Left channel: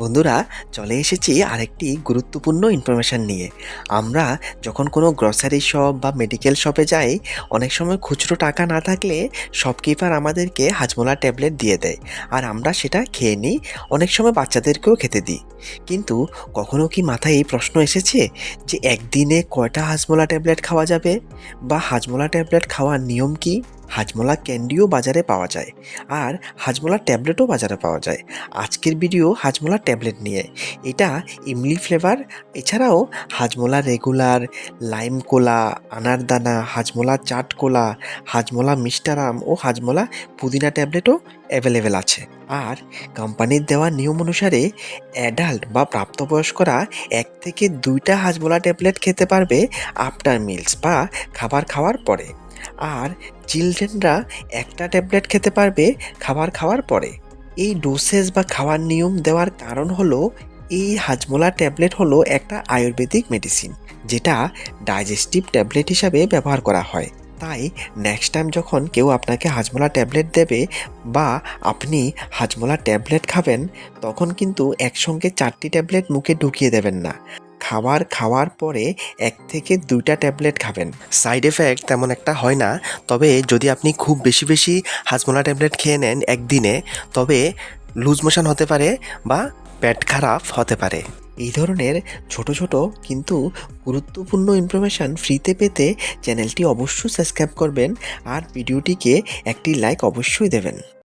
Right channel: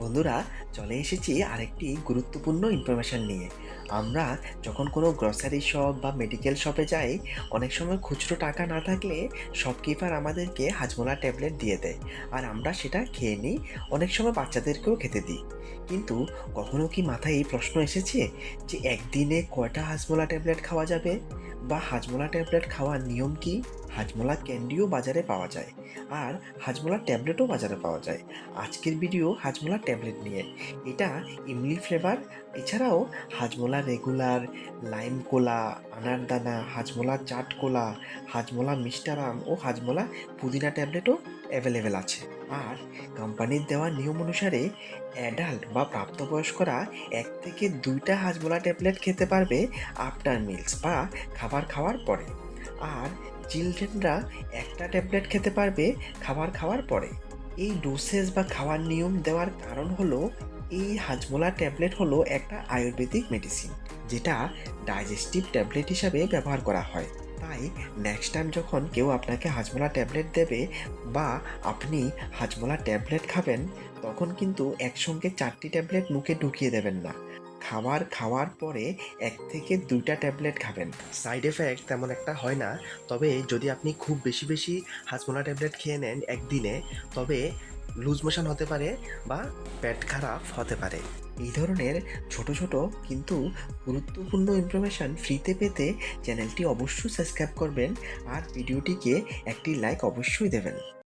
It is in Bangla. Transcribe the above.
বন্ধুরা, চলে এসেছি আরেকটি গুরুত্বপূর্ণ ইনফরমেশন নিয়ে। আমরা যখন কোনো গ্রসারি শপ বা মেডিকেল শপে যাই, অনেক সময় খুচরো টাকা না থাকলে শপকিপার আমাদেরকে হাজমোলা ট্যাবলেট দিয়ে দেয়, আর আমরা সেটা খেয়ে নিই। অনেক সময় বাচ্চাদেরকেও খেতে দিই। কিন্তু কখনো কি মাথায় এই প্রশ্ন এসেছে যে একদিনে কয়টা হাজমোলা ট্যাবলেট খাওয়া যাবে, বা হাজমোলা ট্যাবলেট খাওয়ার নিয়ম কি? হাজমোলা ক্যান্ডিও বাজারে পাওয়া যায়, আর হাজমোলা ট্যাবলেটও বাজারে পাওয়া যায়। আজকের ভিডিও হাজমোলা ট্যাবলেট নিয়ে। এটা ইমলি ফ্লেভার, এছাড়াও হাজমোলা রেগুলার, লাইম কোলা, আনারদানা, হাজমোলা চাট কোলা, হাজমোলা মিষ্টারাম ও হাজমোলা পুদিনা ট্যাবলেটও অ্যাভেলেবেল আছে। আর কোম্পানির দেওয়া নিয়ম অনুসারে অ্যাডাল্ট বা প্রাপ্তবয়স্করা 1 থেকে 2টা হাজমোলা ট্যাবলেট খেতে পারবে আফটার মিলস বা খাবার খাওয়ার পরে। আর চিলড্রেনরা 1টা ট্যাবলেট খেতে পারবে খাবার খাওয়ার পরে। এই ডোসেজ বা খাওয়ার নিয়ম দেওয়ার কারণ হলো, এই হাজমোলা ট্যাবলেট হলো একটা আয়ুর্বেদিক মেডিসিন, যেটা ডাইজেস্টিভ ট্যাবলেট হিসাবে ব্যবহার করা হয়। তাই নেক্সট টাইম যখন কেউ আপনাকে হাজমোলা ট্যাবলেট দেবে, বা আপনি হাজমোলা ট্যাবলেট খাবেন, তখন কিন্তু একসঙ্গে 4টি ট্যাবলেট মুখে ঢুকিয়ে দেবেন না। খাবার খাওয়ার পরে 1 থেকে 2টা ট্যাবলেট খাবেন। সাইড এফেক্ট তেমন একটা হয় না, তবে যদি আপনি খুব বেশি বেশি হাজমোলা ট্যাবলেট খেয়ে নেন একদিনে, তবে লুজ মোশন হতে পারে বা পেট খারাপ হতে পারে। এই ধরনের ছোট ছোট কিন্তু গুরুত্বপূর্ণ ইনফরমেশান ফ্রিতে পেতে চ্যানেলটি অবশ্যই সাবস্ক্রাইব করবেন, আর ভিডিওটিকে একটি লাইক অবশ্যই দেবেন।